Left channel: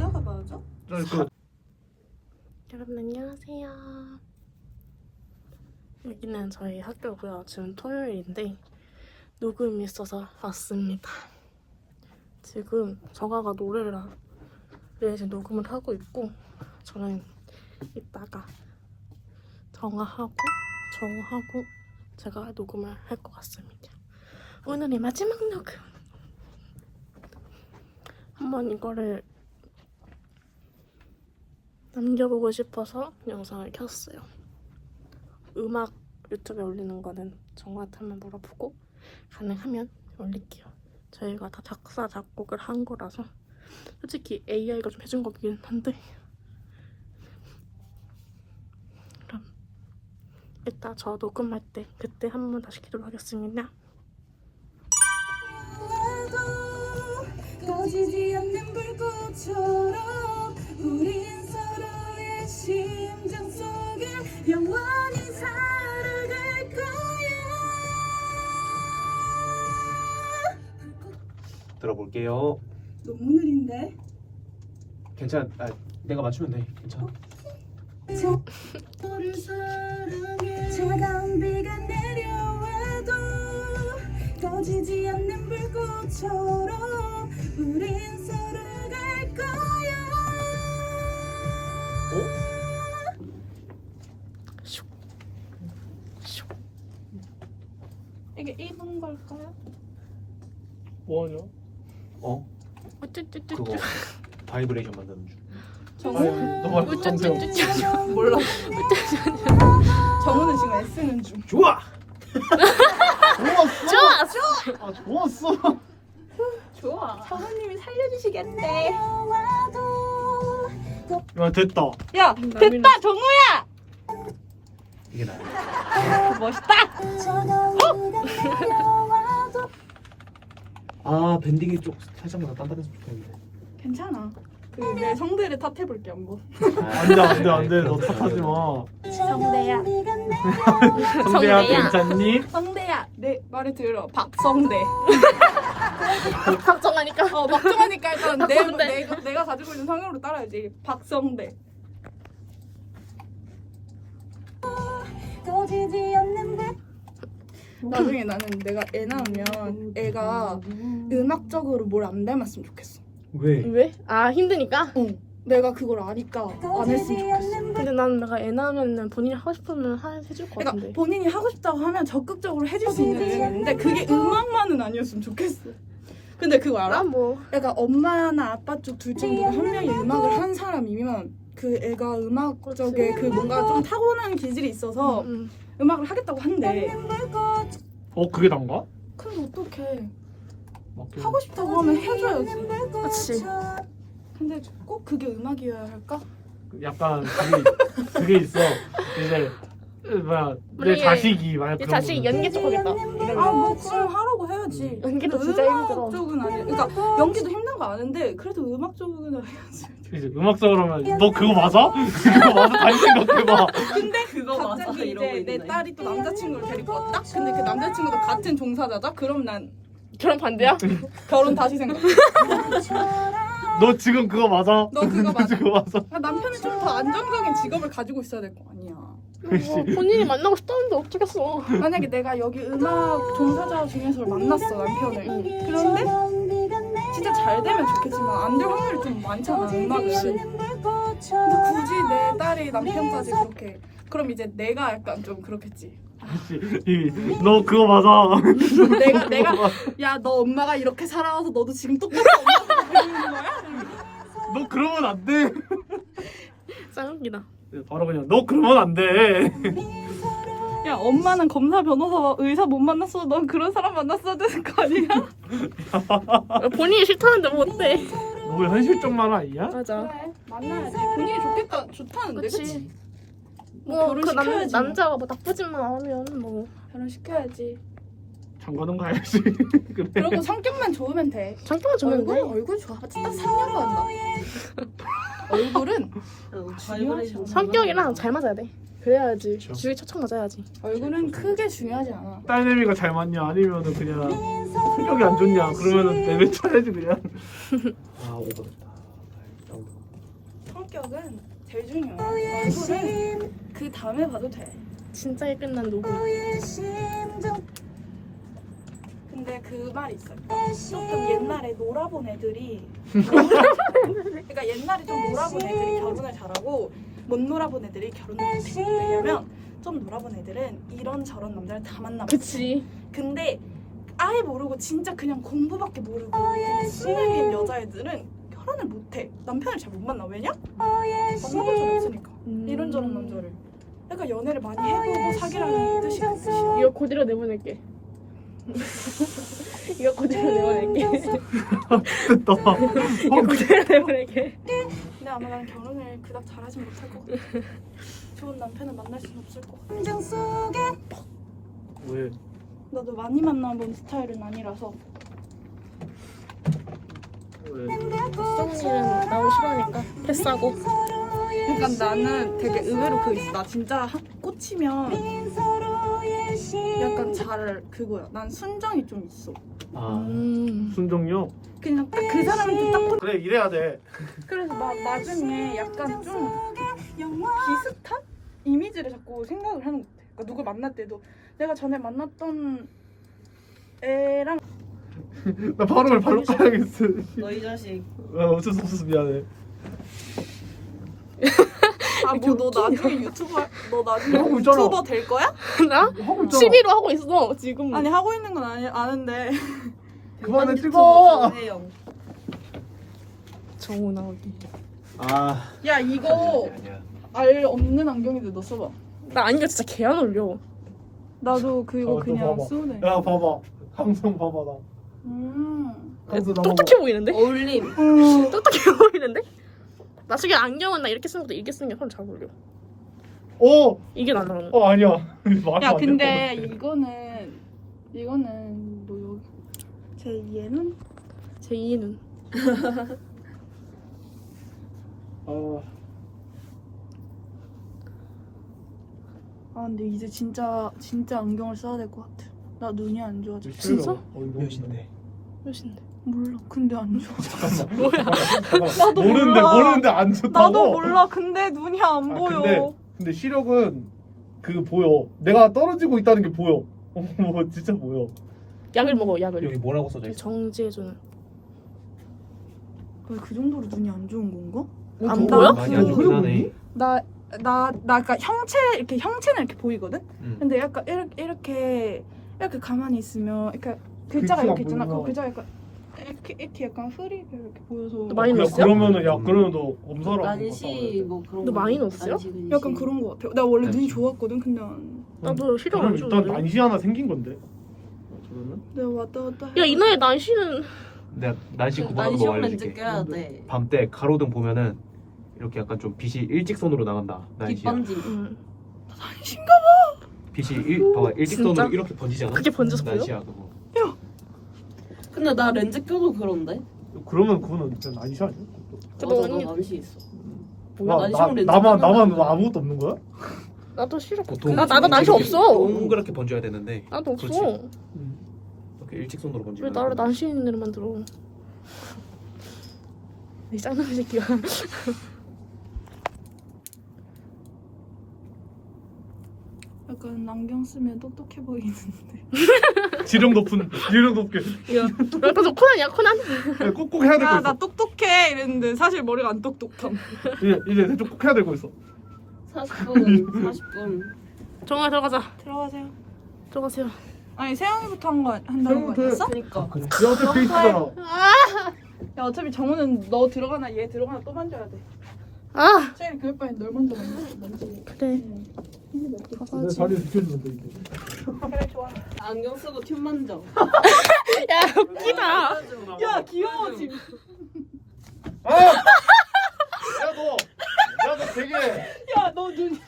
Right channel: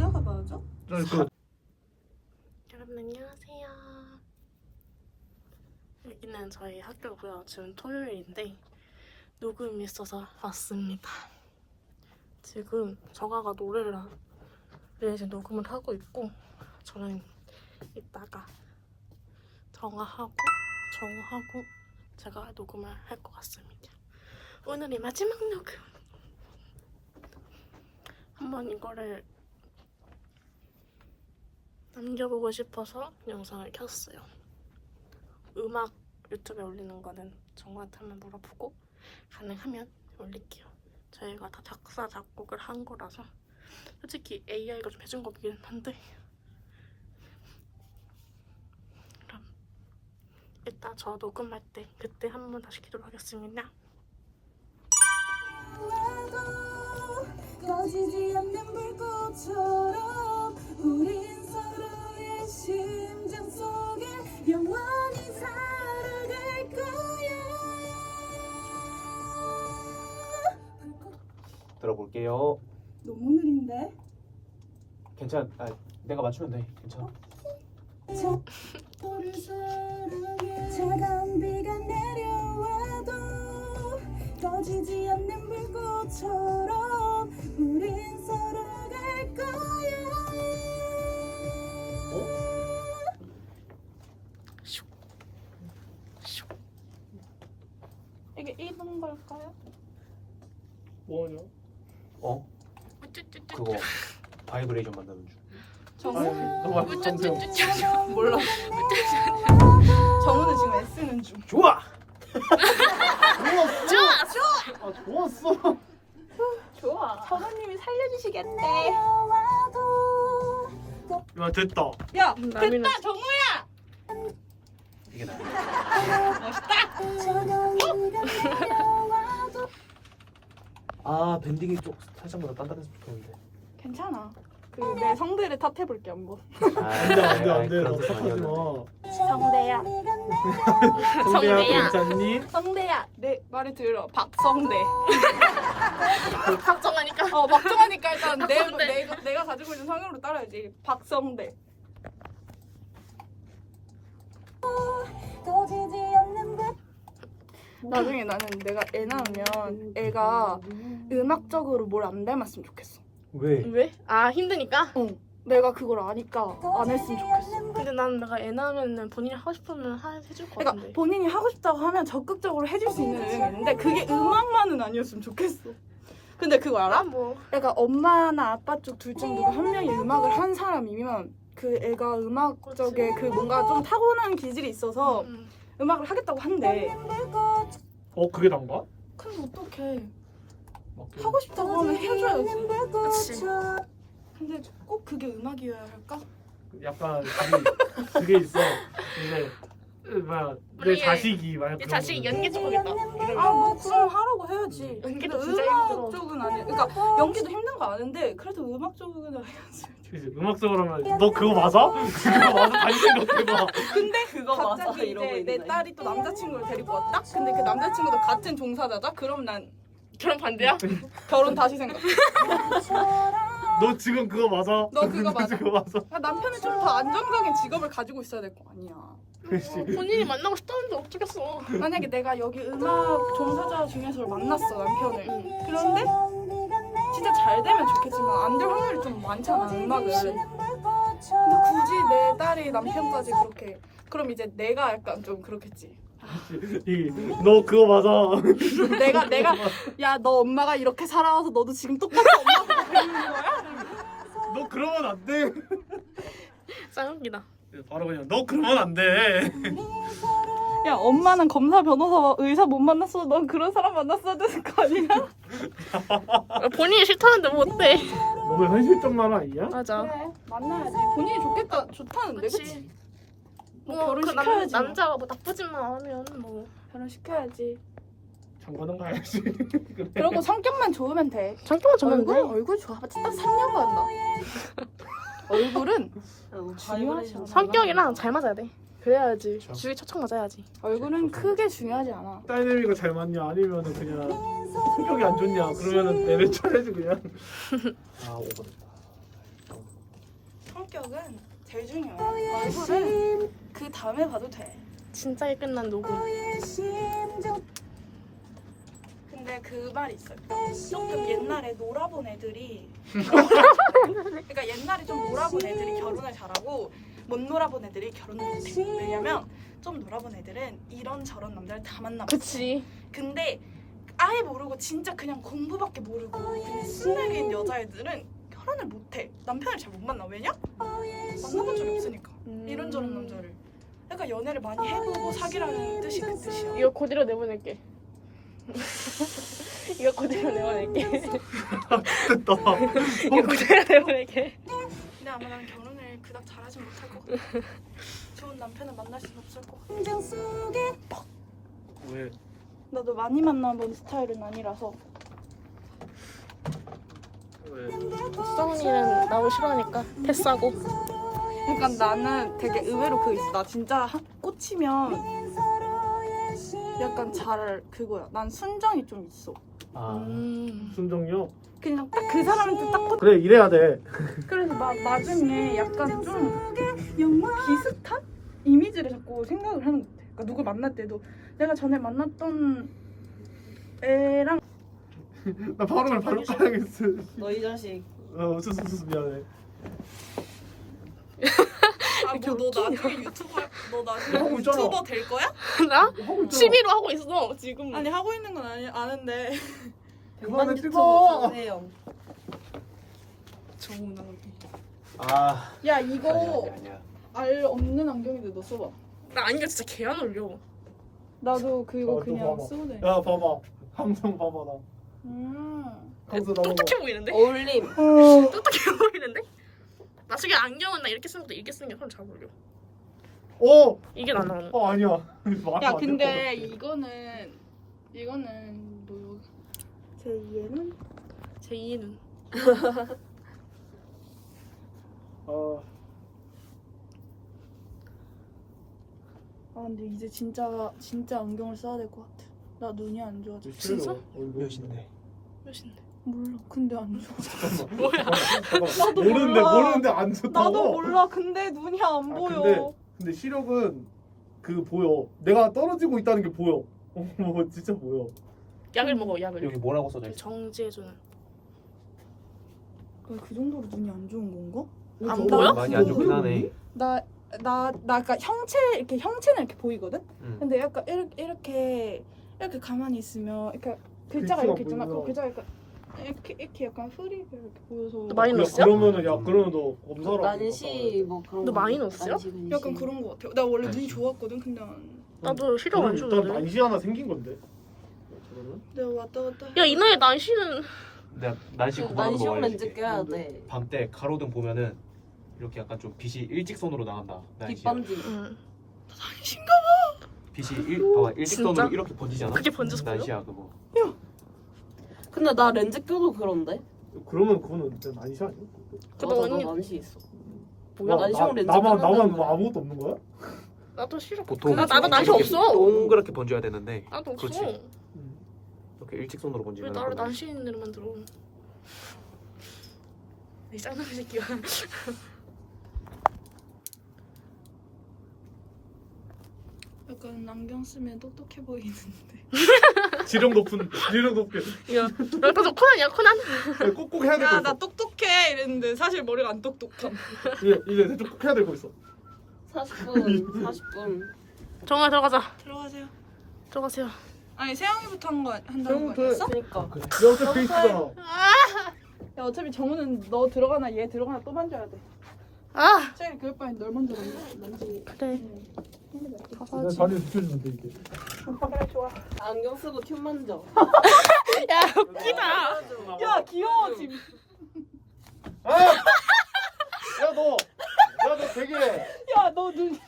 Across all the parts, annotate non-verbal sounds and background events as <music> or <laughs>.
모자가 맞아? 그 여러분 안녕하세요. 여기는 저희 학교고요. 지금 토요일인데 녹음이 있어서 왔습니다. 지금 정아가 노래를 하- 네, 지금 녹음을 하고 있고 저는 이따가 정아하고 정우하고 제가 녹음을 할 것 같습니다. 오늘이 마지막 녹음. 한번 이거를 남겨보고 싶어서 영상을 켰어요. 음악 유튜브에 올리는 거는 정우한테 한번 물어보고 가능하면 올릴게요. 저희가 다 작사 작곡을 한 거라서 솔직히 AI가 좀 해준 거긴 한데 그럼 이따 저 녹음할 때 그때 한 번 다시 기도를 하겠습니다. 꺼지지 않는 불꽃처럼 우린 심장 속에 영원히 살아갈 거야 들어볼게요. 너무 느린데? 괜찮. 아, 내가 맞추면 돼. 괜찮아. 너를 사랑해 차가운 비가 내려와도 꺼지지 않는 불꽃처럼 우린 살아갈 거야 슉. 이게 1번 걸까? 뭐하냐? 어? 우쭈쭈쭈쭈. 그거 바이브레이션 만드는 중. 정우? 너 말고 성세형. 우쭈쭈쭈쭈. 몰라 <laughs> 정우는 지금 애쓰는 중 좋아. <laughs> 좋았어. 아 좋았어. 좋아 사모님이 살려주시겠대 야 됐다. 야 됐다 정우야 이게 나. 멋있다 아 밴딩이 좀 살짝만 딴 데서 붙었는데. 괜찮아 그내 성대를 탓해볼게 한번 안돼 안돼 안돼 너 탓하지 마. 성대야 성대야. 괜찮니? 성대야 내 말을 들어 박성대 걱정하니까. <laughs> 어 박정하니까 일단 내, 박성대. 내가, 내가 가지고 있는 성향으로 따라야지 박성대 나중에 나는 내가 애 낳으면 애가 음악적으로 뭘 안 닮았으면 좋겠어 왜? 왜? 아 힘드니까? 응 내가 그걸 아니까 안 했으면 좋겠어 근데 나는 내가 애 낳으면 본인이 하고 싶으면 하, 해줄 것 그러니까 같은데. 본인이 하고 싶다고 하면 적극적으로 해줄 수 있는 있는데 그게 음악만은 아니었으면 좋겠어 근데 그거 알아? 난 뭐. 애가 엄마나 아빠 쪽 둘 중 누가 한 명이 음악을 한 사람이면 그 애가 음악 쪽에 그 뭔가 좀 타고난 기질이 있어서 음. 음악을 하겠다고 한대 어 그게 난가? 그럼 어떡해 맞게. 하고 싶다고 하면 해줘야지 그치. 근데 꼭 그게 음악이어야 할까? 약간 그게, 그게 있어. 이제 뭐야 내 우리 자식이 만약 그런 자식이 거는- 연기 쪽 하겠다. 아 이러면. 뭐 그럼 하라고 해야지 연기도 근데 진짜 힘들어. 쪽은 아니야 그러니까 연기도 힘든 거 아는데 그래도 음악 쪽은 해야지 이제 음악적으로 하면 너 그거 맞아? 그거 맞아? 다시 생각해봐. 근데 그거 갑자기 이제 내 딸이 또 남자친구를 데리고 왔다? 근데 그 남자친구도 같은 종사자다? 그럼 난 결혼 반대야? 결혼 다시 생각 너 지금 그거 맞아? 너 그거 맞아. <laughs> 그거 맞아? 아, 남편이 좀 더 안정적인 직업을 가지고 있어야 될 거 아니야. 뭐 본인이 만나고 싶다는데 어쩌겠어. 만약에 내가 여기 음악 종사자 중에서 만났어 남편을. 응. 그런데 진짜 잘 되면 좋겠지만 안 될 확률이 좀 많잖아 음악은. 근데 굳이 내 딸이 남편까지 그렇게 그럼 이제 내가 약간 좀 그렇겠지. 이, 너 그거 맞아? 내가 <laughs> 내가 야 너 엄마가 이렇게 살아와서 너도 지금 똑같이? <laughs> 너 그러면 안 돼. 짱 웃기다. 바로 그냥 너 그러면 안 돼. <laughs> 야 엄마는 검사 변호사 의사 못 만났어 넌 그런 사람 만났어야 되는 거 아니야? <laughs> 본인이 싫다는데 뭐 어때? 너 현실적만 아니야? 맞아. 그래 만나야지 본인이 좋겠다 좋다는데 그치? 그치. 뭐뭐그 결혼시켜야지 남 뭐. 남자가 뭐 나쁘지만 않으면 뭐 결혼 시켜야지 장가는 가야지. <laughs> 그래. 그리고 성격만 좋으면 돼 장점만 주면 얼굴, 돼. 얼굴 좋아봤자 딱 3년 간다 얼굴은 중요하지 않아. 성격이랑 잘 맞아야 돼. 그래야지. 줄이 척척 맞아야지. 얼굴은 크게 중요하지 않아 딸내미가 잘 맞냐 아니면은 그냥 성격이 안 좋냐 그러면은 내내 쳐내지 그냥. <laughs> 아 오버됐다. 성격은 제일 중요해. 얼굴은 그 다음에 봐도 돼. 진짜게 끝난 녹음. 근데 그 말이 있어요. 조금 옛날에 놀아본 애들이 <laughs> 그러니까 옛날에 좀 놀아본 애들이 결혼을 잘하고 못 놀아본 애들이 결혼을 못해. 왜냐면 좀 놀아본 애들은 이런 저런 남자를 다 만나봤어. 그치. 근데 아예 모르고 진짜 그냥 공부밖에 모르고 그냥 순하게 여자애들은 결혼을 못해. 남편을 잘 못 만나. 왜냐? 만나본 적이 없으니까. 음. 이런저런 남자를. 그러니까 연애를 많이 해보고 사귀라는 뜻이 그 뜻이야. 이거 그대로 내보낼게. <laughs> 이거 그대로 내보낼게. <laughs> 됐다. <laughs> 이거 그대로 내보낼게. 근데 아마 난 결혼을 그닥 잘하진 못할 것 같아. <laughs> 좋은 남편을 만날 순 없을 것 같아. 왜? 나도 많이 만나는 스타일은 아니라서. 왜? 수정이는 나오기 싫어하니까 패스하고. 그러니까 나는 되게 의외로 그 있어. 나 진짜 하- 꽂히면 약간 잘 그거야. 난 순정이 좀 있어. 아 음. 순정요? 그냥 딱 그 사람도 딱 꽂- 그래 이래야 돼. 그래서 나 나중에 약간 좀 비슷한 이미지를 자꾸 생각을 하는 것 같아. 그러니까 누굴 만날 때도 내가 전에 만났던 애랑 <laughs> 나 발음을 발로 까야겠어. 너이 자식 아 어쩔 수 없어서 미안해. 아뭐너 나중에 유튜버 너 나중에 하고 있잖아. 유튜버 될 거야? 나 하고 있잖아. 취미로 하고 있어 지금. 아니 하고 있는 건 아니, 아는데 그만해 찍어. 정혜영 정우 나오기. 아. 야 이거 알 없는 안경인데 너 써봐. 나 아니가 진짜 개안 어울려. 나도 그거 어, 또 그냥 봐봐. 쓰네. 야 봐봐. 항상 봐봐 나. 음. 항상 나 똑똑해 보이는데? 어울림 똑똑해 보이는데? 나중에 안경은 나 이렇게 쓰는 것도 이렇게 쓰는 게 훨씬 잘 어울려. 어. 이게 나 나는. 어 아니야. <laughs> 야안 근데 이거는 이거는 너 여기 제 2에는 제 2는 같아. 아. 아 근데 이제 진짜 진짜 안경을 써야 될 것 같아. 나 눈이 안 좋아져. 진짜? 몇인데? 몇인데? 몰라. 근데 안 좋아. <laughs> <laughs> 뭐야? 나도 모르는데 몰라. 모르는데 안 좋다고. 나도 몰라. 근데 눈이 안 아, 보여. 근데 근데 시력은 그 보여. 내가 떨어지고 있다는 게 보여. 어 <laughs> 진짜 보여. 약을 먹어 약을. 여기 뭐라고 써져 있어? 근데 그 정도로 눈이 안 좋은 건가? 안 보여? 많이 안 좋긴 하네. 나 나나 그러니까 형체 이렇게 형체는 이렇게 보이거든. 응. 근데 약간 이렇게 이렇게 이렇게 가만히 있으면 이렇게 글자가 이렇게 있잖아. 그 글자가 약간 이렇게 이렇게 약간 흐리게 이렇게 보여서 너 많이 야, 넣었어요? 그러면은 야 그러면 너 검사를 난시 뭐 그런 너 거. 많이 넣었어요? 난시, 근시. 약간 그런 거 같아. 나 원래 눈이 난시. 좋았거든. 근데 안- 나도 시력 안 일단 좋은데. 난시 하나 생긴 건데. 내가 왔다 갔다. 야 이 나이 난시는 내가 날씨 구분하는 거 알려줄게. 껴야 돼 밤 때 가로등 보면은 이렇게 약간 좀 빛이 일직선으로 나간다. 날씨야. 빗번지 응. 빛이 일, 봐봐 일직선으로 진짜? 이렇게 번지잖아. 그게 번져서 보여? 날씨야 그거. 근데 나 렌즈 껴도 그런데 그러면 그거는 진짜 난시 아니야? 그래도 맞아, 나 언니 난시 있어 뭐야? 나, 나, 렌즈 나만 나만? 아무것도 없는 거야? 나도 시력. 보통 나 나도 이렇게 없어. 동그랗게 번져야 되는데 나도 없어. 그렇지. 이렇게 일직선으로 번지면 왜 나를 난시 있는 애를 만들어? 이 짱놈 새끼가. 약간 안경 쓰면 똑똑해 보이는데. 지름 높은 지름 높게 이거 저 코난이야 코난. 꾹꾹 해야 될거 나, 있어. 나 똑똑해 이랬는데 사실 머리가 안 똑똑함. 이제 이제 대충 꾹 해야 될거 있어. 40분 40분 정아 들어가자. 들어가자. 들어가세요. 아니 세영이부터 한거 한다는 거 아니었어? 그니까 그래. 이렇게 페이스잖아. 야 어차피 정우는 너 들어가나 얘 들어가나 또 만져야 돼. 아 세영이 그럴 바엔 널 먼저 만져. 만지. 그래. 가서 내 하지. 다리 비켜주면 돼 이제. 그래 좋아. 안경 쓰고 튠 만져 야 웃기다. 야 귀여워 지금. 아! 야 너, 야 너 되게, 야너 눈.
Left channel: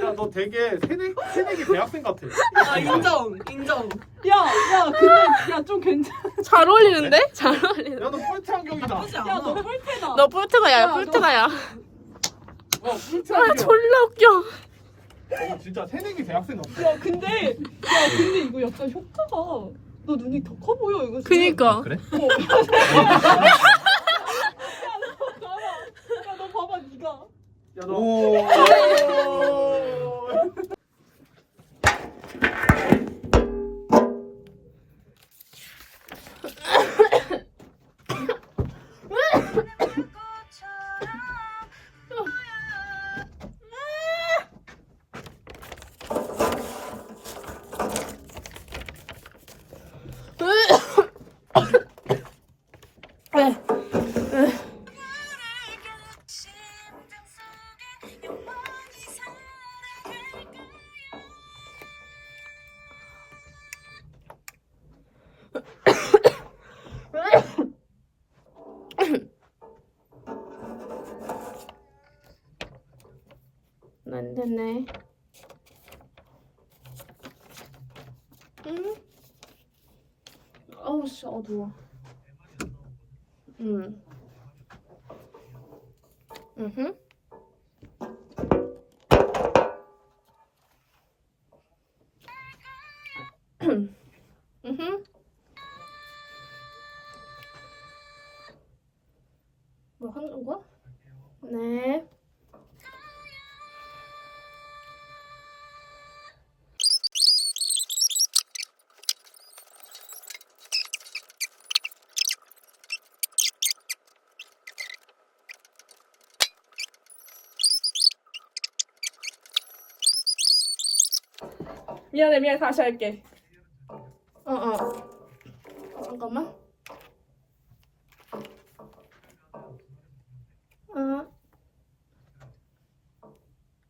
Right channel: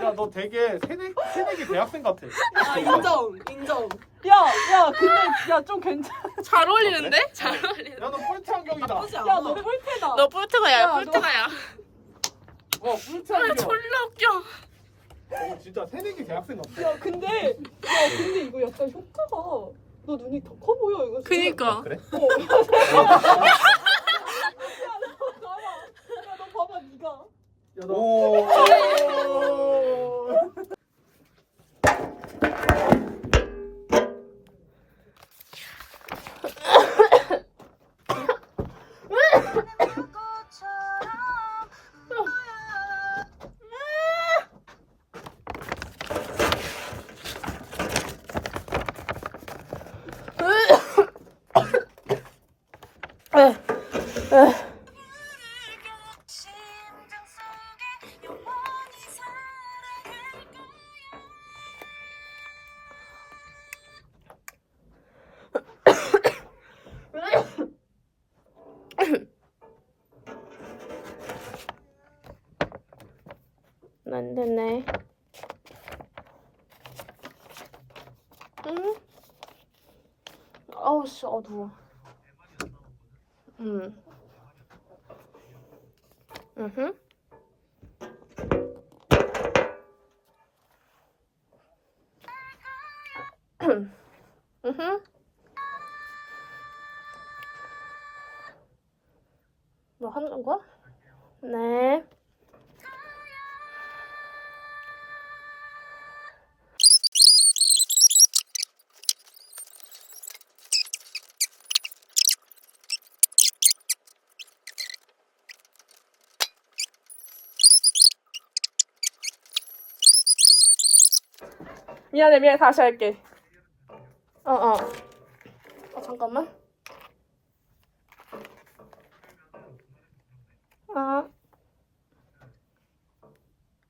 야너 되게 새내기 새내기 대학생 같아. 아 인정 인정 야 야 근데 야 좀 괜찮아. 잘 어울리는데? 잘 어울리는. 야너 폴트 안경이다. 나쁘지 않아 야너 꼴대다. 너 뿔트가야 야, 뿔트가야. 와 폴트 아 안경. 졸라 웃겨. 너 진짜 새내기 대학생 같아. 야 근데 야 근데 이거 약간 효과가 너 눈이 더 커 보여 이거. 지금. 그니까. 그래? 야 <laughs> 여덟. 오. <laughs> <laughs> 안 되네. 응? 아우 씨 어두워. 응. 응. 응. 미안해 미안해. 다시 할게. 어어. 어, 잠깐만. 아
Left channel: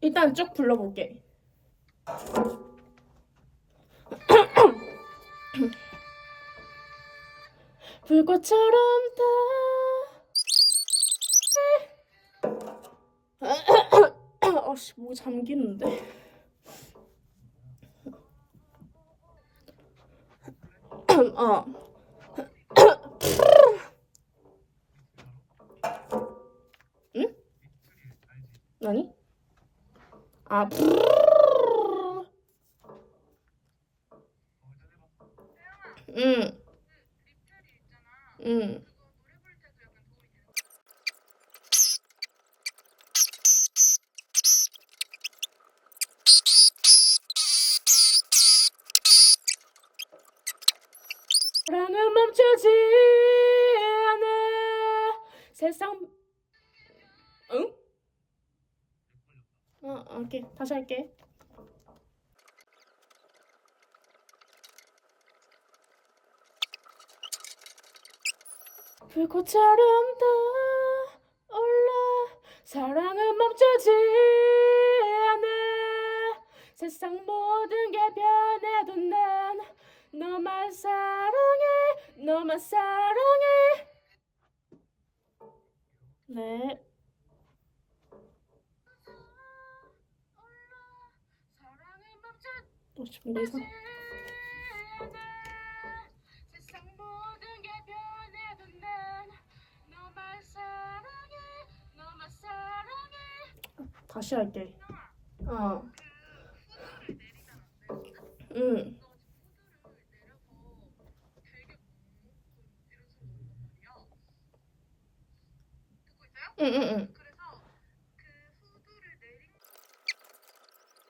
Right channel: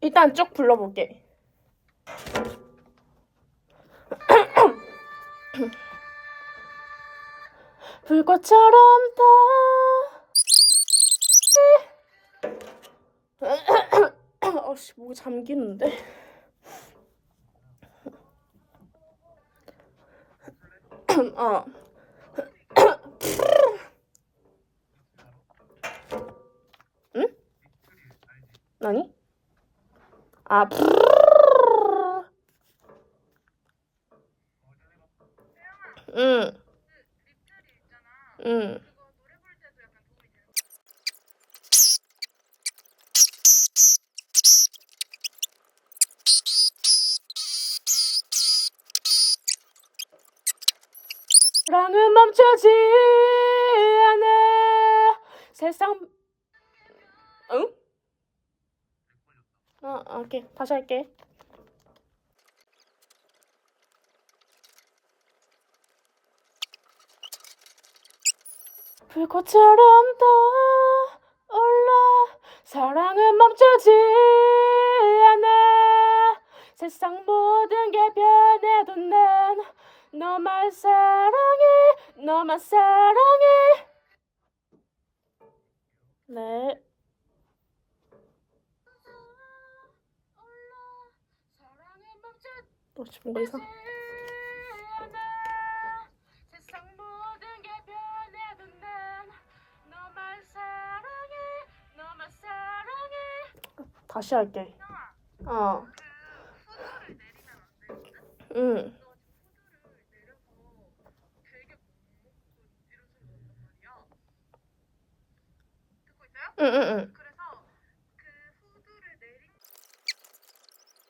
일단 쭉 불러볼게. <clears throat> 불꽃처럼 다. <clears throat> 어씨 목이 잠기는데 어. <coughs> 응? 아니? 아. 응. 응. 사랑은 멈추지 않아. 세상 응? 어, 어, 오케이. 다시 할게. 불꽃처럼 타올라. 사랑은 멈추지 않아. 세상 모든 게 변해도 난 너만 사랑해 너만 사랑해. 네. 어, 뭔가 이상. 세상 모든 게. 변해 도난 너만 사랑해 너만 사랑해 다시 할게 어 응.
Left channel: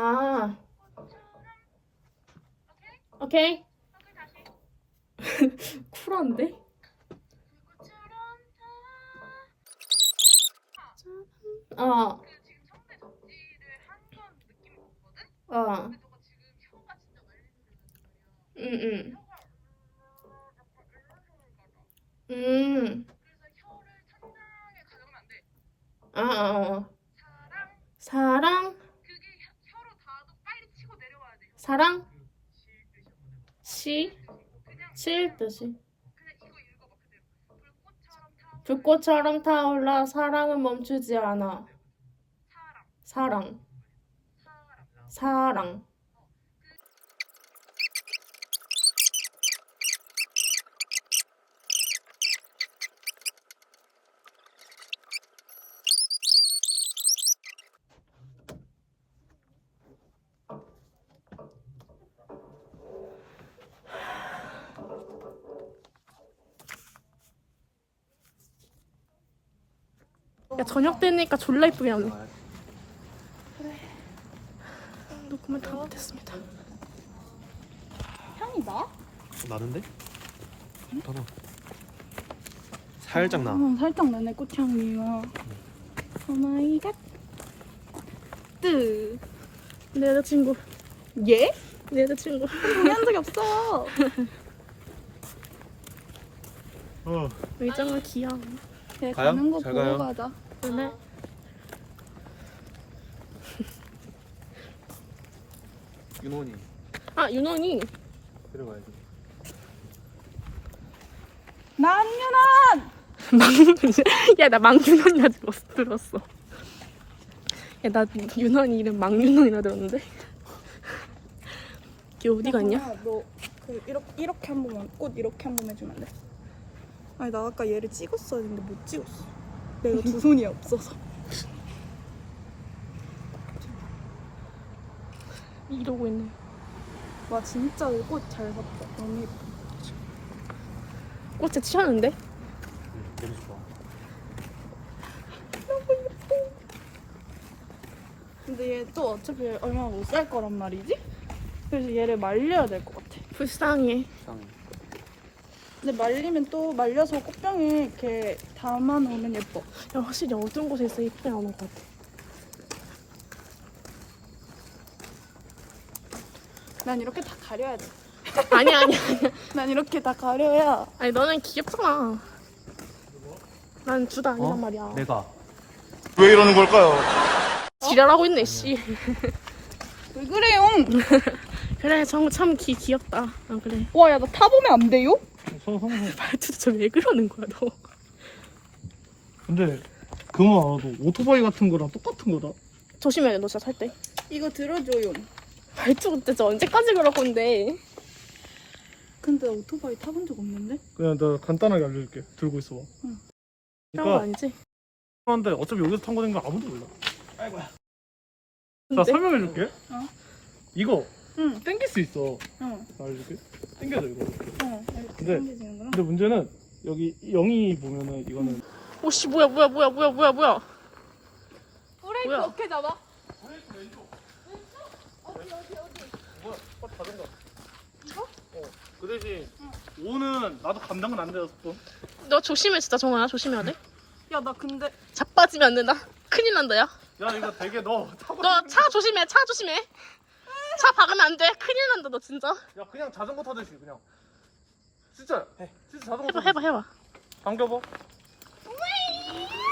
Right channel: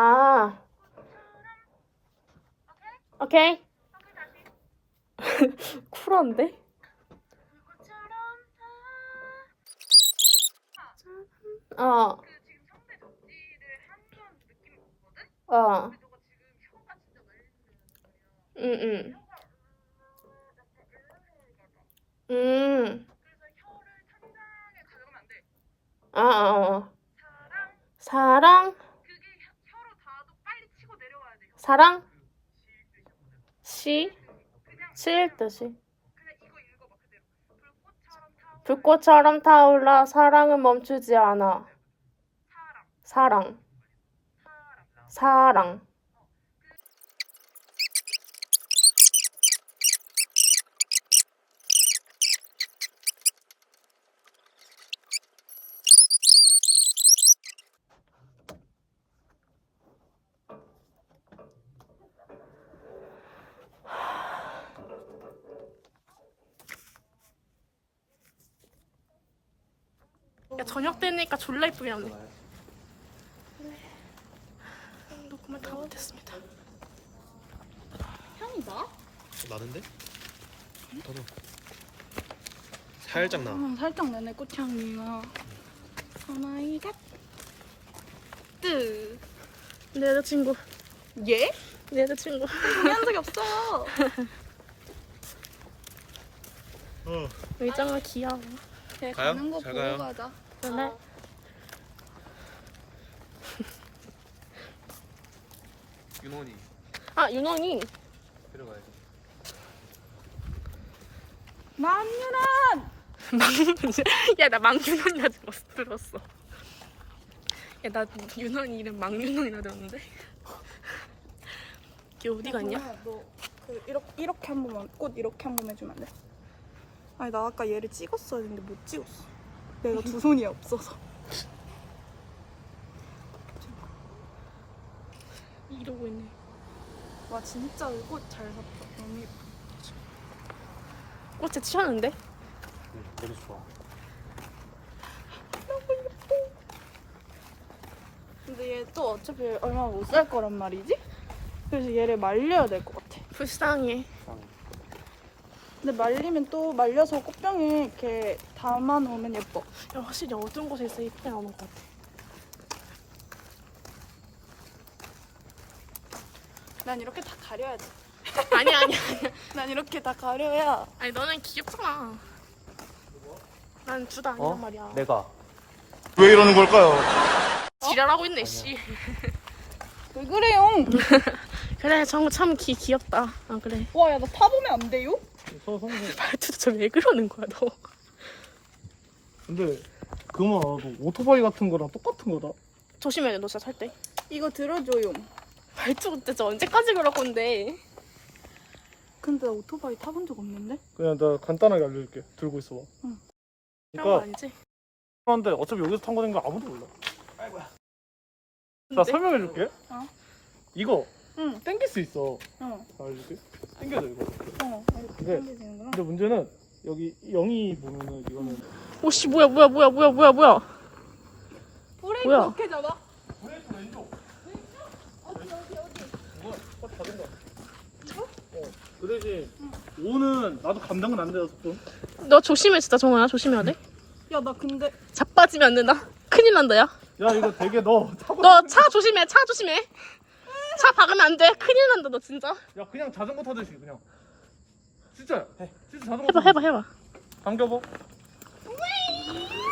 응, 응, 응. 아. 오케이. <laughs> 쿨한데? 어. 어. 응, 응. 음. 아, 아, 아. 사랑. 사랑? 시? 칠 뜻이. 불꽃처럼 타올라 사랑은 멈추지 않아. 사랑. 사랑. 야 저녁 되니까 졸라 이쁘게 나네. 녹음을 다 못했습니다. 나는데? 더 나. 살짝 나. 음, 살짝 나네 꽃향기가 오마이갓. 뜨. 내 여자친구. 예? 내 여자친구. 동의한 적이 없어요. 어. 의정아 귀여워. 걔 가요? 가는 거 잘 보고 가요. 가자. 오늘 윤원이 아 윤원이 데려가야지. 남윤아! 야나 망윤원이라 들었어. 들었어. 야 나 윤원이 이름 망윤원이라 들었는데. <laughs> 걔 어디 갔냐? 너 그 이렇게 이렇게 한 번만 꽃 이렇게 한 번 해주면 안 돼? 아니 나 아까 얘를 찍었어야 했는데 못 찍었어. 내가 두 손이 없어서. 이러고 있네. 와 진짜 꽃 잘 샀다. 너무 예뻐. 꽃에 치웠는데? 너무 좋아. 근데 얘 또 어차피 얼마 못 살 거란 말이지? 그래서 얘를 말려야 될 것 같아. 불쌍해. 근데 말리면 또 말려서 꽃병에 이렇게 담아놓으면 예뻐. 야 확실히 어두운 곳에 있어 예쁘게 나오는 것 같아. 난 이렇게 다 가려야 돼. 아니야 아니야 아니야. <laughs> 난 이렇게 다 가려야. 아니 너는 귀엽잖아. 난 둘 다 아니란 어? 말이야. 내가. 왜 이러는 걸까요? 지랄하고 있네 씨. <laughs> 왜 그래요? <laughs> 그래 정우 참 귀, 귀엽다. 아 그래. 와, 야, 나 타보면 안 돼요? 말투도 저왜 그러는 거야 너. 근데 그만 너 오토바이 같은 거랑 똑같은 거다. 조심해야 돼 너 진짜 살 때. 이거 들어줘요. 말투 그때 저 언제까지 그럴 건데. 근데 나 오토바이 타본 적 없는데? 그냥 나 간단하게 알려줄게. 들고 있어. 응. 그런 거 그러니까 아니지? 그런데 어차피 여기서 탄 거된 거 아무도 몰라. 나 근데 설명해줄게. 어? 이거 응, 땡길 수 있어. 응, 알려줄게. 땡겨줘 이거. 응. 이렇게 근데- 당겨지는구나. 근데 문제는 여기 0이 보면은 이거는 오씨 뭐야 뭐야 뭐야 뭐야 뭐야 뭐야. 브레이크 뭐야? 어떻게 잡아? 그 대신 5는 나도 감당은 안 돼서 좀. 너 조심해 진짜 정아야 조심해야 돼. 야, 나 근데 자빠지면 안 된다. 큰일 난다 야. 야 이거 되게 너 타고 너차 조심해 차 조심해. 차 박으면 안 돼. 큰일 난다 너 진짜. 야 그냥 자전거 타듯이 그냥 진짜 해 진짜 자전거 해봐 해봐 해봐. 당겨봐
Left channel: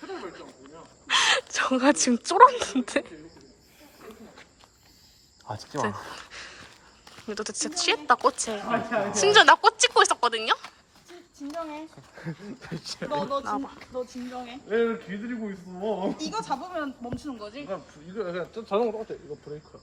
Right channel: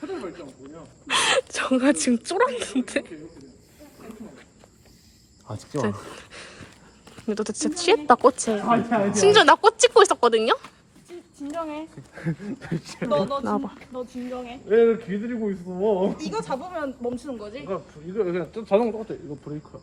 그냥 정아 지금 쫄았는데. 아 찍지 마. 너 진짜 취했다 꽃에. 심지어 나꽃 찍고 있었거든요. 진정해. 너, 너, 나와봐. 진, 너 진정해. 얘 길들이고 있어 이거 잡으면 멈추는 거지? 이거 이거 그냥 자전거 똑같아 이거 브레이크야